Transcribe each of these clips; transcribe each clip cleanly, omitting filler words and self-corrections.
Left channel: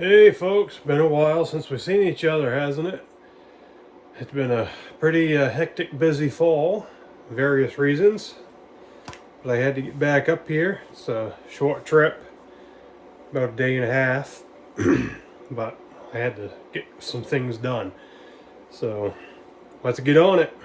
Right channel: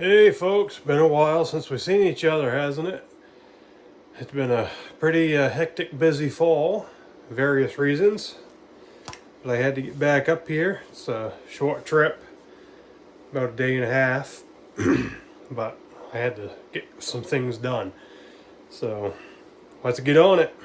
Hey folks, been a while since we've seen each other, hasn't it? It's been a pretty hectic, busy fall, various reasons. But I had to get back up here. It's a short trip, about a day and a half. But I had to get some things done. So let's get on it.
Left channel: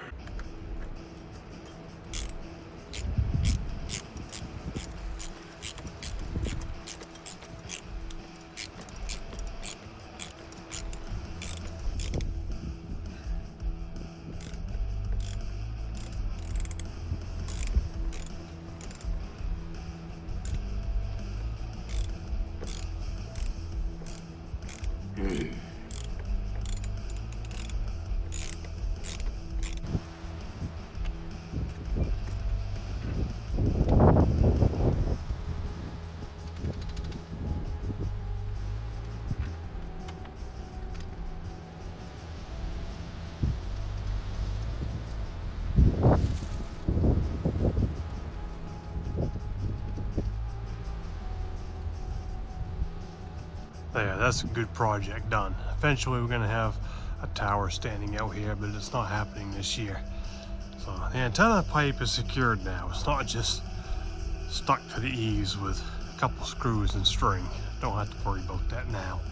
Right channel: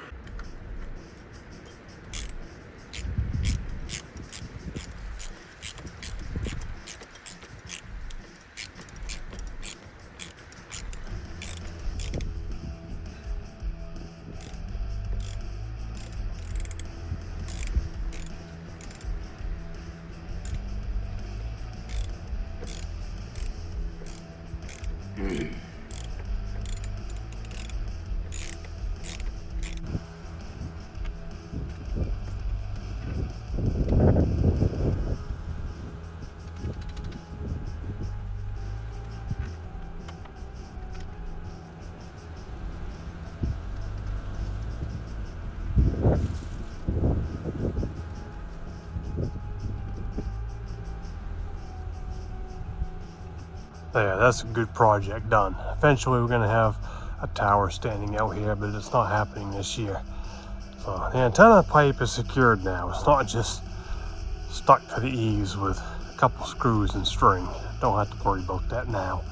Yeah, that's a good project done. Eventually we're gonna have a tower standing out here, but it's not happening this year. So the antenna pipe is secured now. It's not just stuck to the eaves with a couple screws and string. Don't have to worry about that now,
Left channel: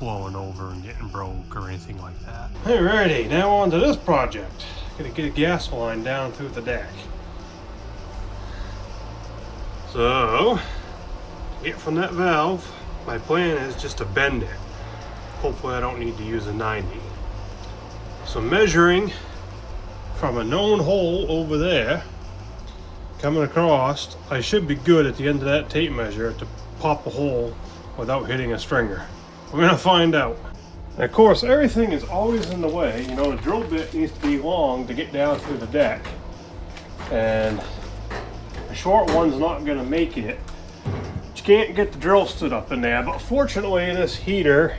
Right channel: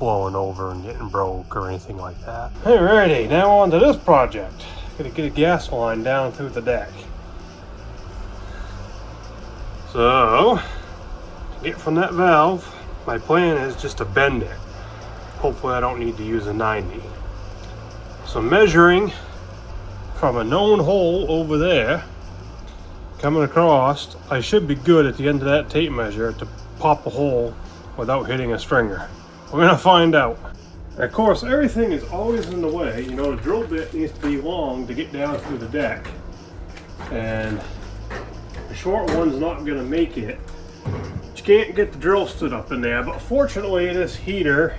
blowing over and getting broke or anything like that. Alrighty, now on to this project. Gotta get a gas line down through the deck. So, to get from that valve, my plan is just to bend it. Hopefully I don't need to use a 90. So measuring from a known hole over there, coming across, I should be good at the end of that tape measure to pop a hole without hitting a stringer. We're gonna find out. And of course, everything is always in the way. You know, the drill bit needs to be long to get down through the deck. And the short one's not gonna make it. You can't get the drill stood up in there, but fortunately this heater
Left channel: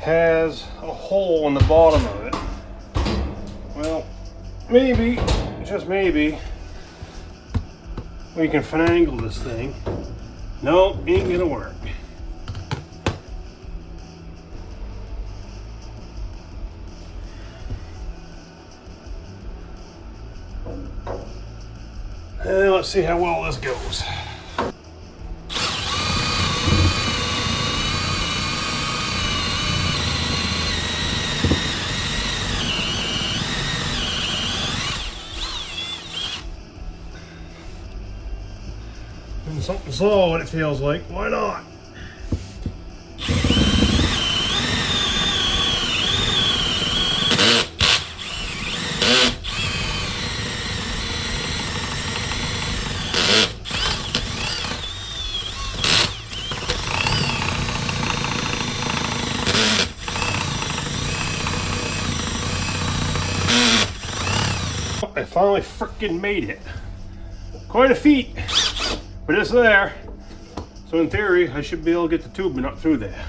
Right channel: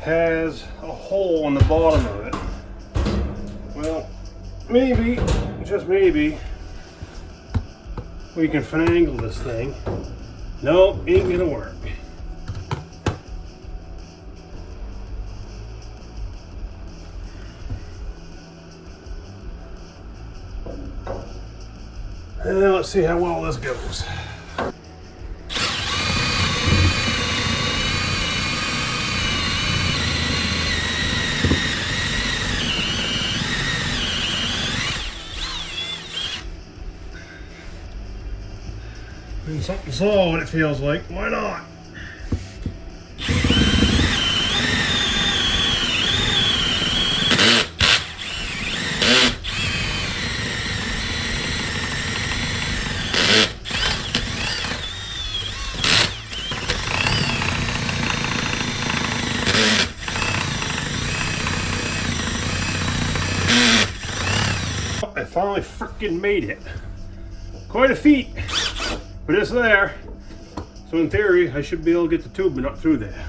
has a hole in the bottom of it. Well, maybe, just maybe, we can finagle this thing. No, ain't gonna work. And let's see how well this goes. And something solid, it feels like. Why not? I finally freaking made it. Quite a feat, but it's there. So in theory, I should be able to get the tubing up through there.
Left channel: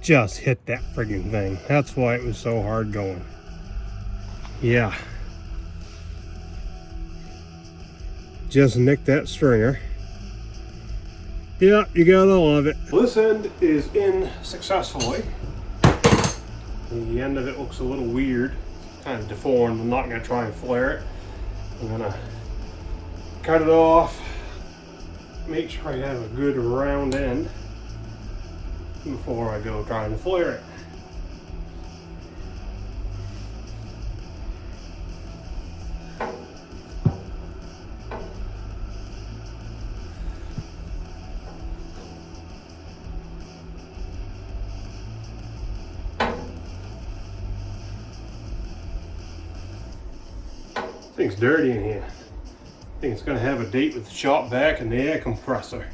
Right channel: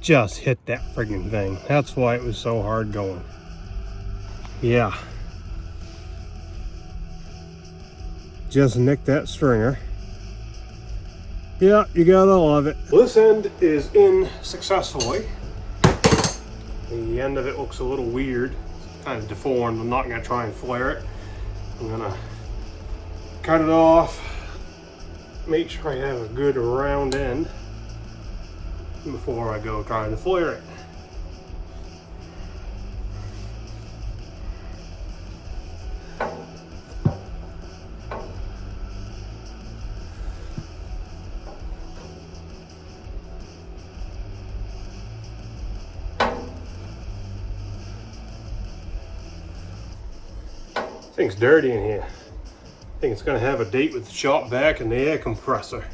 Just hit that friggin' thing. That's why it was so hard going. Yeah. Just nicked that stringer. Yeah, you gotta love it. This end is in successfully. The end of it looks a little weird, kind of deformed. I'm not gonna try and flare it. I'm gonna cut it off, make sure I have a good round end before I go try and flare it. Thing's dirty in here. I think it's gonna have a date with the shop vac and the air compressor.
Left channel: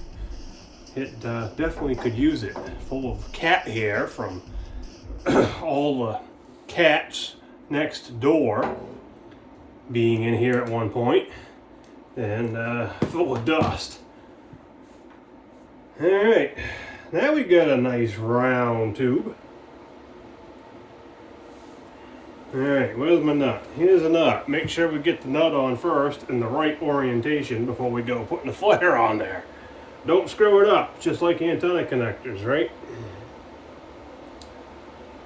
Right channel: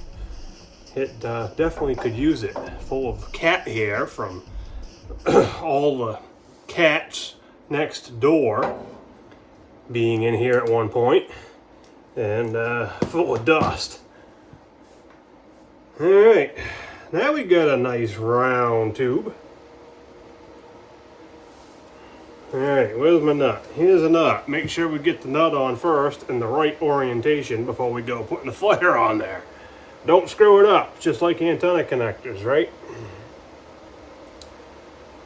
It definitely could use it. Full of cat hair from all the cats next door being in here at one point, and full of dust. All right, now we got a nice round tube. Alright, where's my nut? Here's a nut. Make sure we get the nut on first in the right orientation before we go putting the flare on there. Don't screw it up, just like antenna connectors, right?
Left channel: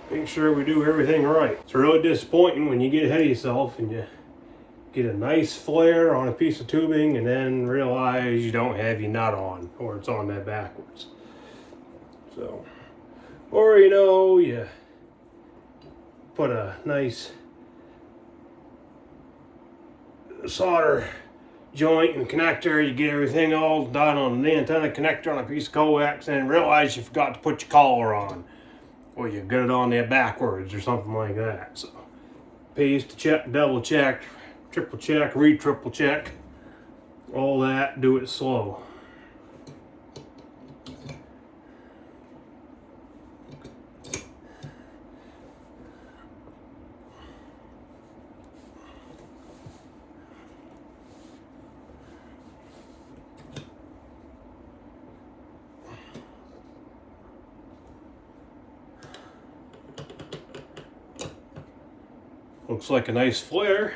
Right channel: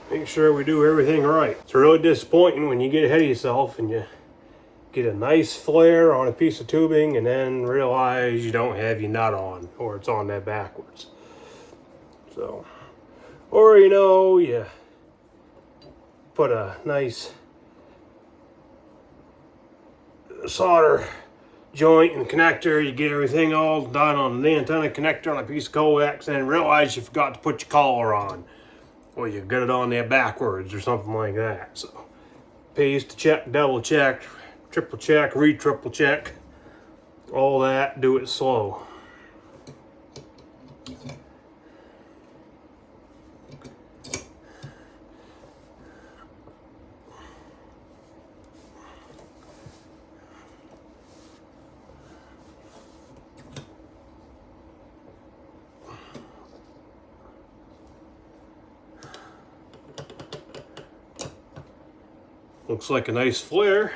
Make sure we do everything right. It's really disappointing when you get ahead of yourself and you get a nice flare on a piece of tubing and then realize you don't have your nut on, or it's on there backwards. So, or you know, you put a nice solder joint and connector, you get everything all done on the antenna connector on a piece of coax and realize you forgot to put your collar on, or you got it on there backwards or something like that. So pays to check, double check, triple check, triple check, all that. Do it slow. Looks like a nice flare.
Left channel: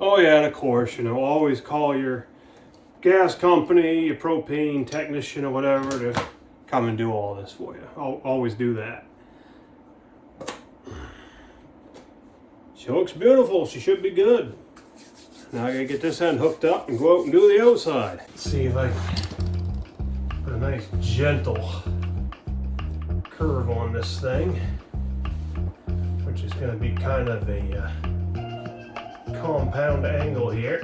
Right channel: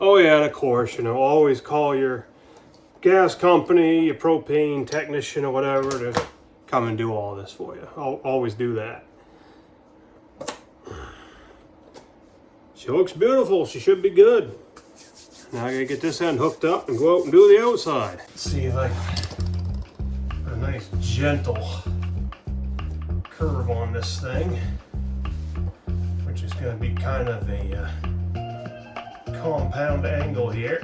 Oh yeah, and of course, you know, always call your gas company, your propane technician or whatever to come and do all this for you. I'll always do that. She looks beautiful. She should be good. Now I gotta get this end hooked up and go out and do the outside. Let's see if I can put a nice gentle curve on this thing, which is going to be kind of a compound angle here.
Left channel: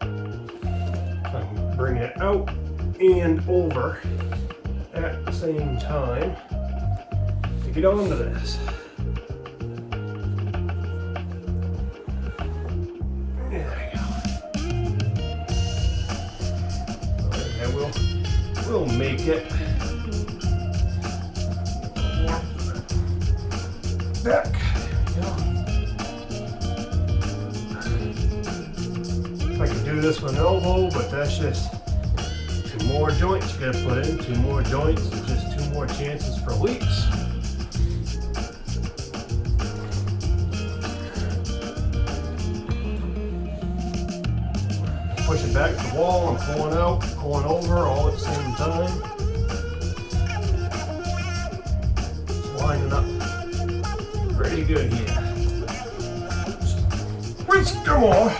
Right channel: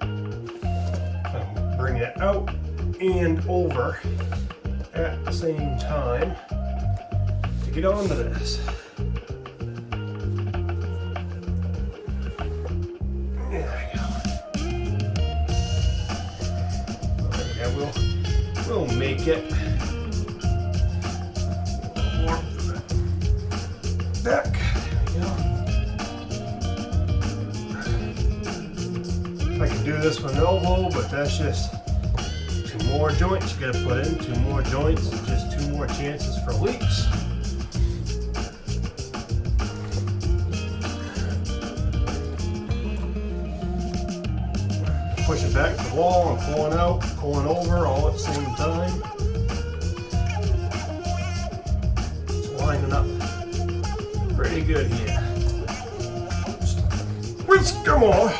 So I'm bringing it out and over at the same time to get onto this. There we go. Yeah, we'll make it back. I can do this with an elbow, but that's just 2 more joints you gotta put in. 2 more joints, just 2 more chances for leaks. Push it back to the wall and pulling out, pulling over all at the same time. Just lining up pretty good here. Come on. I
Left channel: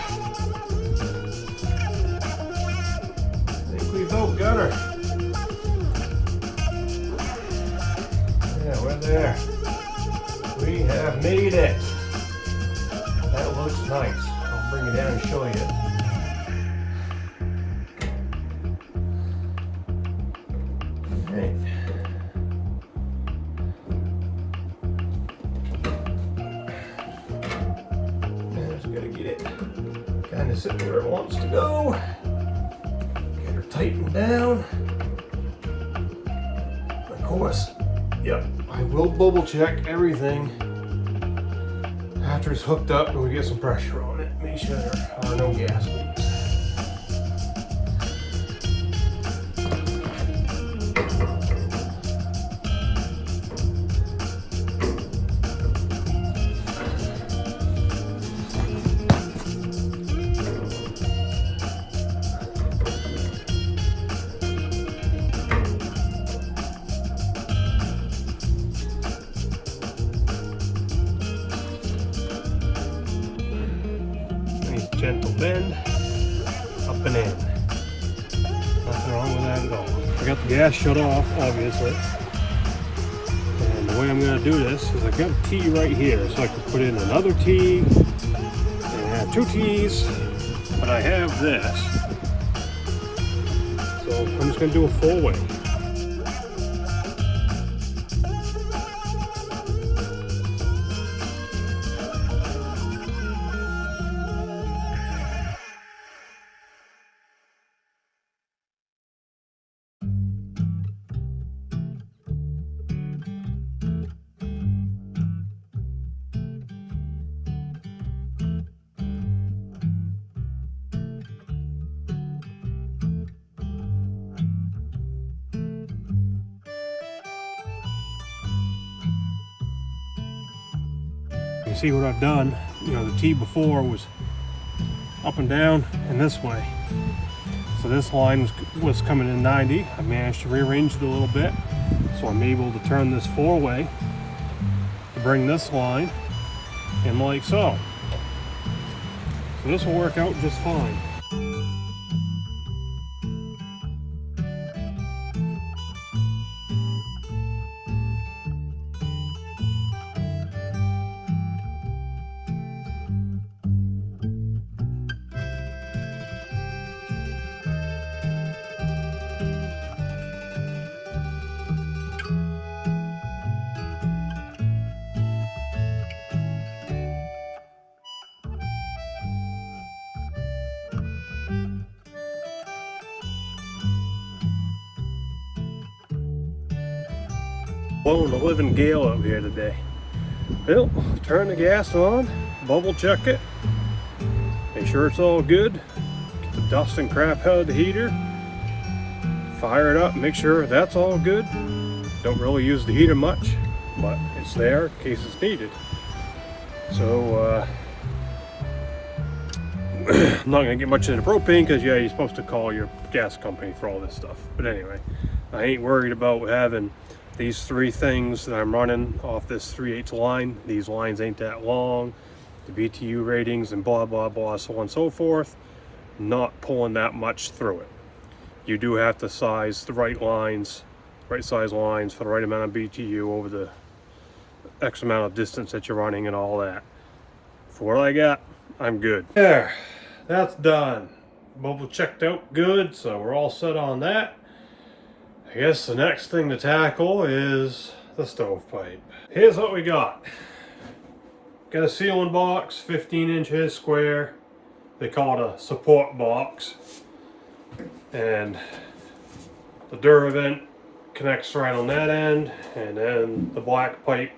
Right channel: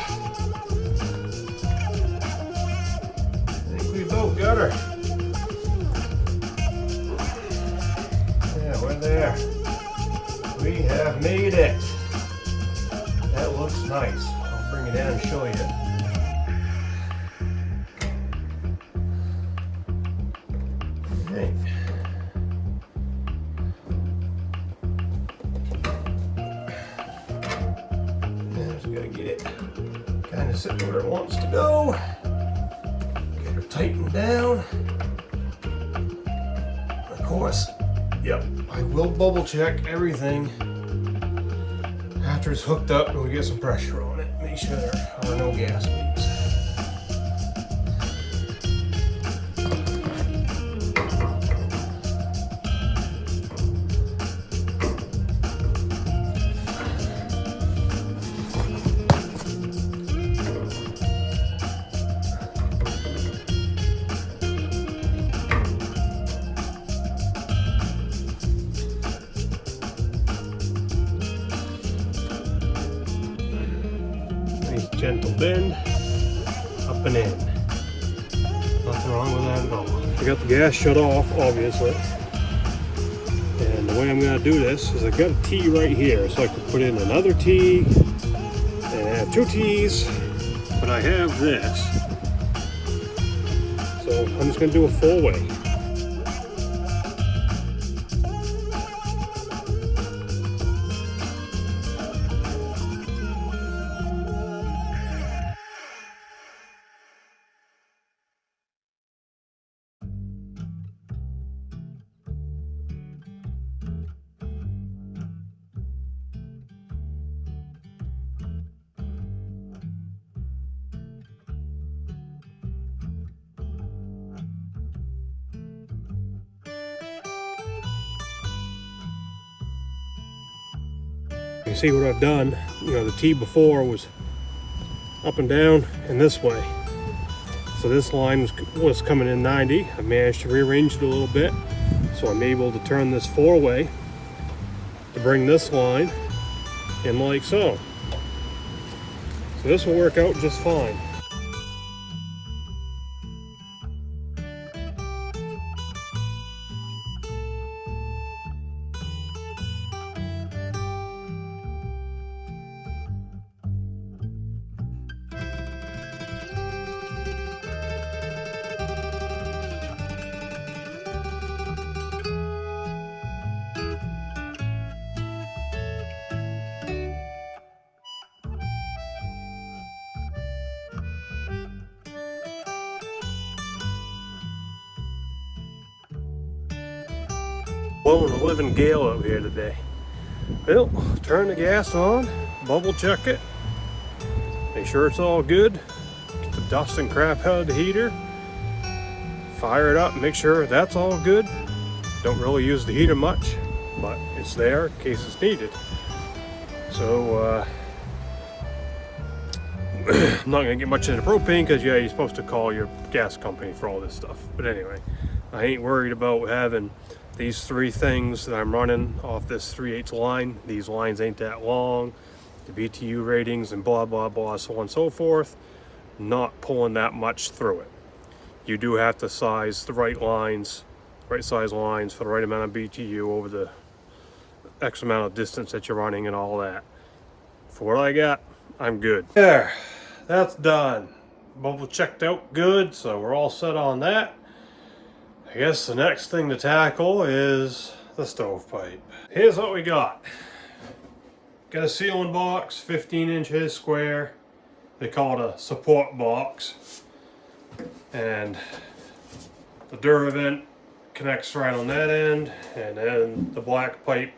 think we both got her. Yeah, we're there. We have made it. That looks nice. I'll bring it down and show you. Okay. Kind of sit where it wants to go. Get her tightened down. Of course, yep, I will bubble check everything after it's hooked up and we get some pressure on it. Make sure there are no gas leaks. Gentle bend, up and in. Nothing wrong with that at all. I got the gas shut off, obviously. And the way I'm going to do this is I've got a T right here, so I could put in another T and add 2 T's, but I have this. So I'm just going to do a 4-way. see what I've done. You know, the T before was up and down and this way. So this line was coming in 90. I managed to rearrange it a little bit. So I'm able to turn this 4-way to bring this line in like so. So this will work out just fine. Blowing a living gale out here today. Well, turn the gas on, bubble check it, make sure it's all good, get the dust and crap out of the heater, fire it up, make sure that's all good. Don't really use the heater much, but it's there in case it's needed. So I'm not gonna get much into propane because yeah, you're supposed to call your gas company for all this stuff. But anyway, I ain't worried about having these 3 things that I'm running off this 3/8 line. These lines ain't that long. The BTU ratings and blah, blah, blah, so on and so forth. Not pulling that much through it. You do have to size the right lines, right size lines for the right amount of BTU over the X amount of distance that you're running and all that. For what I got, I'm good. There, that's done. Bubble checked out good, so we're all set on that. I guess the next thing to tackle is the stovepipe. Here's what we got. Got a sealing box, 15 inches square. They call it a support box. And the Duravent connects right on that end, and then the black pipe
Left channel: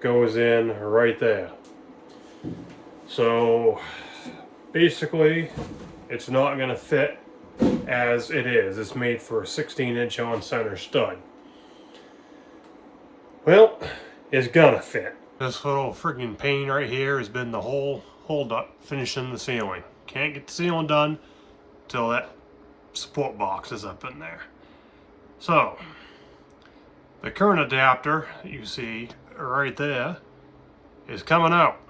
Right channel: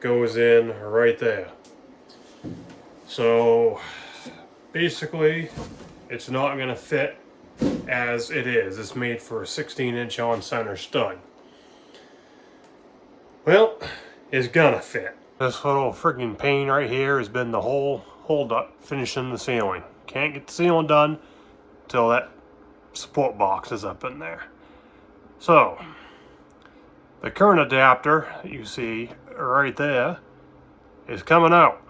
goes in right there. So basically, it's not gonna fit as it is. It's made for a 16-inch on center stud. Well, it's gonna fit. This little friggin' pain right here has been the whole hold up finishing the ceiling. Can't get the ceiling done until that support box is up in there. So the current adapter that you see right there is coming out.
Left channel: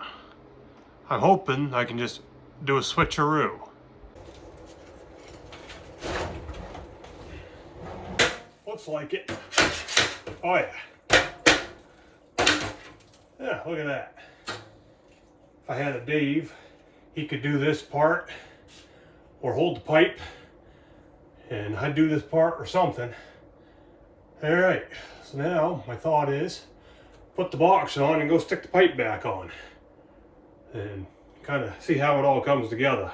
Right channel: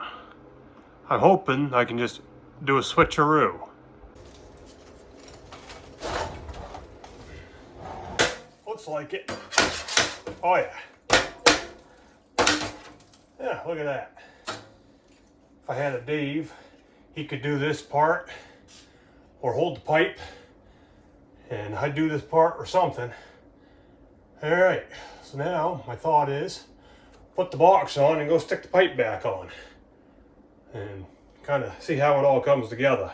I'm hoping I can just do a switcheroo. Looks like it. Oh yeah. Yeah, look at that. If I had a Dave, he could do this part or hold the pipe, and I'd do this part or something. All right, so now my thought is put the box on and go stick the pipe back on and kind of see how it all comes together.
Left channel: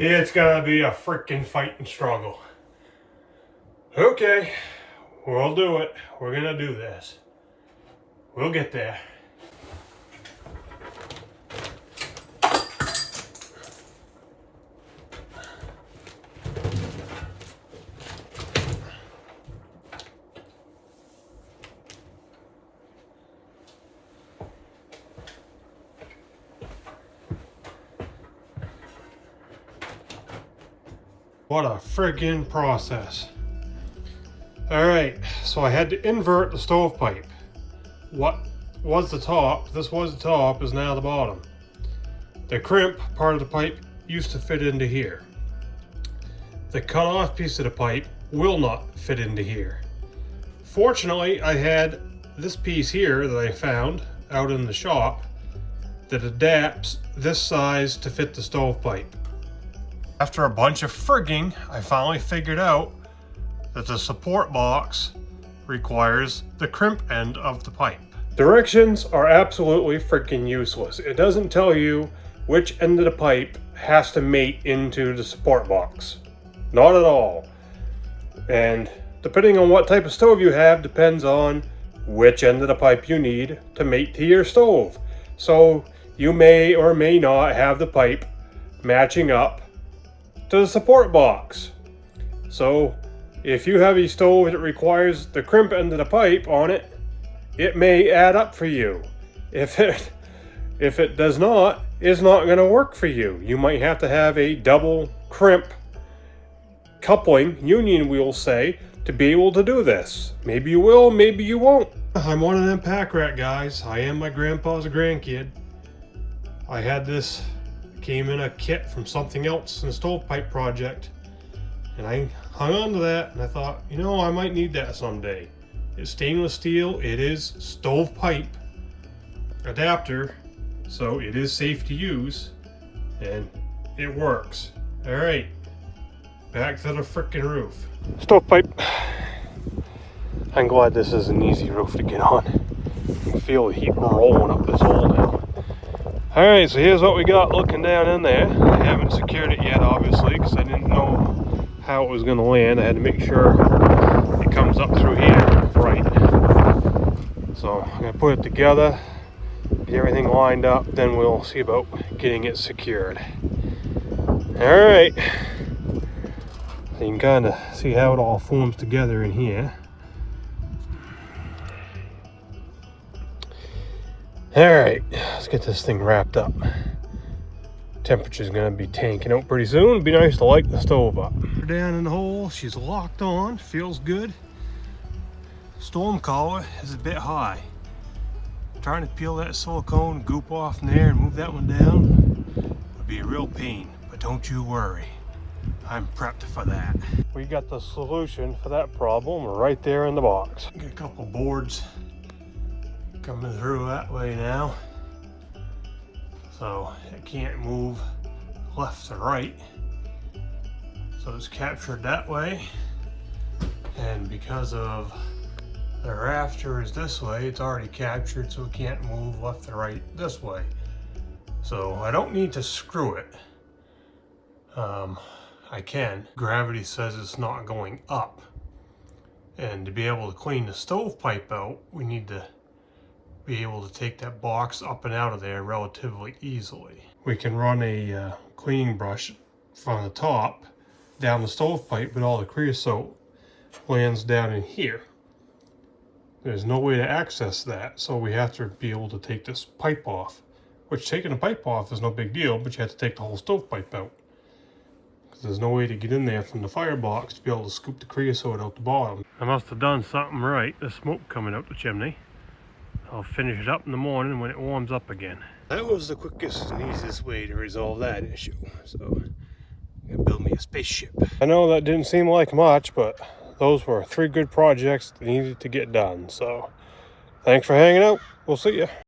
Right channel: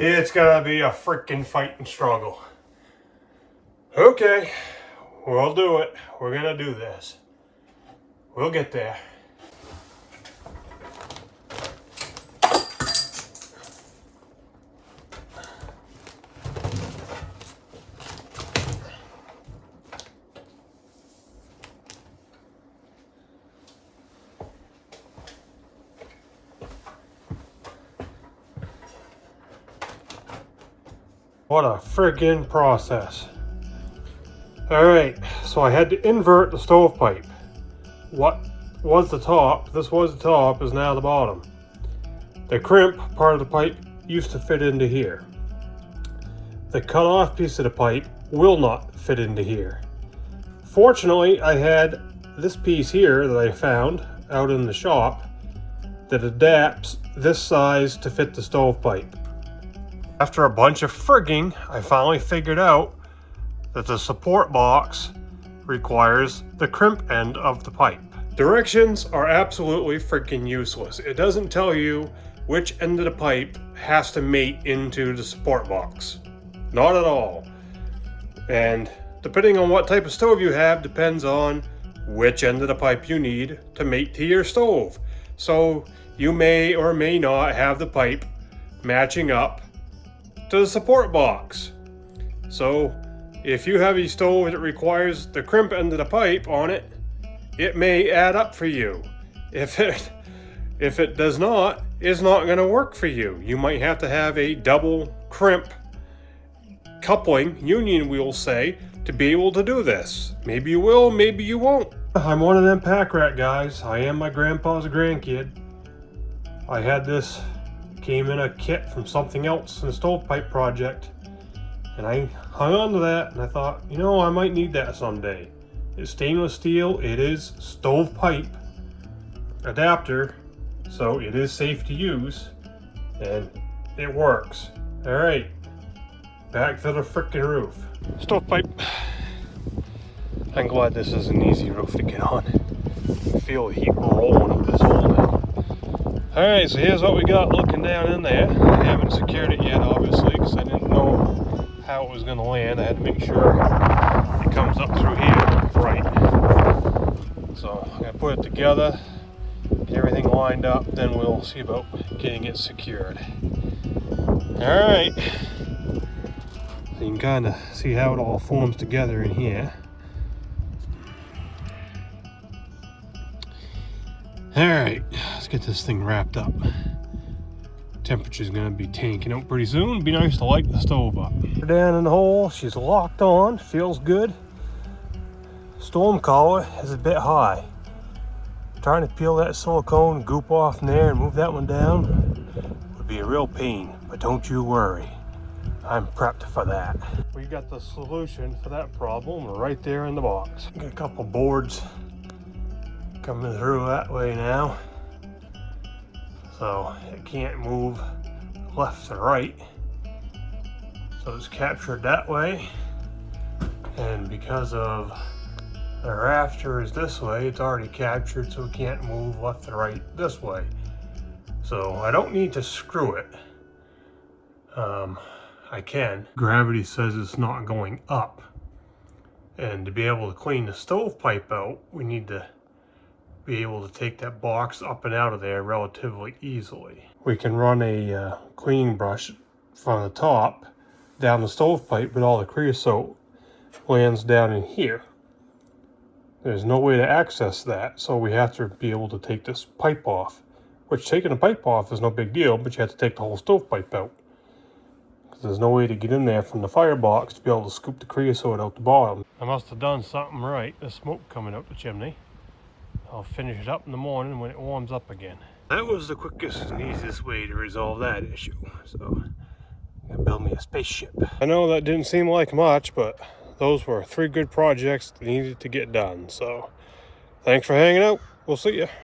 It's gonna be a freaking fight and struggle. Okay, we'll do it. We're gonna do this. We'll get there. What a friggin' process. Alright, so I had to invert the stovepipe. What was the top, this was the top, is now the bottom. The crimp part of the pipe used to fit into here. The cut off piece of the pipe will not fit into here. Fortunately, I had this piece here that I found out in the shop that adapts this size to fit the stovepipe. After a bunch of frigging, I finally figured out that the support box requires the crimp end of the pipe. Directions are absolutely freaking useless. It doesn't tell you which end of the pipe has to mate into the support box. Not at all. And depending on what type of stove you have depends on which end of the pipe you need to mate to your stove. So you may or may not have the pipe matching up to the support box. So if you have a stove that requires the crimp end of the pipe on it, it may add up for you. If it does not, it's not going to work for you. You might have to have a double crimp coupling, union we'll say, to be able to do this. Maybe you will, maybe you won't. I'm one of them pack rat guys. I am my grandpa's grandkid. I had this, came in a kit from something else in a stovepipe project. And I hung on to that and I thought, you know, I might need that someday. It's stainless steel, it is stovepipe adapter, so it is safe to use and it works. All right, back to the frickin' roof. Stovepipe. I'm glad this is an easy roof to get on. I feel the heat rolling up this hole now. All right, so here's what we got looking down in there. I haven't secured it yet, obviously, because I didn't know how it was going to land. I had to make sure it comes up through here right. So I'm going to put it together, get everything lined up, then we'll see about getting it secured. All right. So you can kind of see how it all forms together in here. All right, let's get this thing wrapped up. Temperature's gonna be tanking out pretty soon. It'd be nice to light the stove up. We're down in the hole, she's locked on, feels good. Storm collar is a bit high. Trying to peel that silicone goop off in there and move that one down would be a real pain, but don't you worry. I'm prepped for that. We got the solution for that problem right there in the box. Got a couple boards coming through that way now. So it can't move left to right. So it's captured that way. And because of the rafter is this way, it's already captured, so it can't move left to right this way. So I don't need to screw it. I can. Gravity says it's not going up. And to be able to clean the stovepipe out, we need to be able to take that box up and out of there relatively easily. We can run a cleaning brush from the top down the stovepipe, but all the creosote lands down in here. There's no way to access that, so we have to be able to take this pipe off, which taking the pipe off is no big deal, but you have to take the whole stovepipe out. There's no way to get in there from the firebox to be able to scoop the creosote out the bottom. I must have done something right. There's smoke coming up the chimney. I'll finish it up in the morning when it warms up again. That was the quickest and easiest way to resolve that issue. So, I'm gonna build me a spaceship. I know that didn't seem like much, but those were 3 good projects that needed to get done. So, thanks for hanging out. We'll see ya.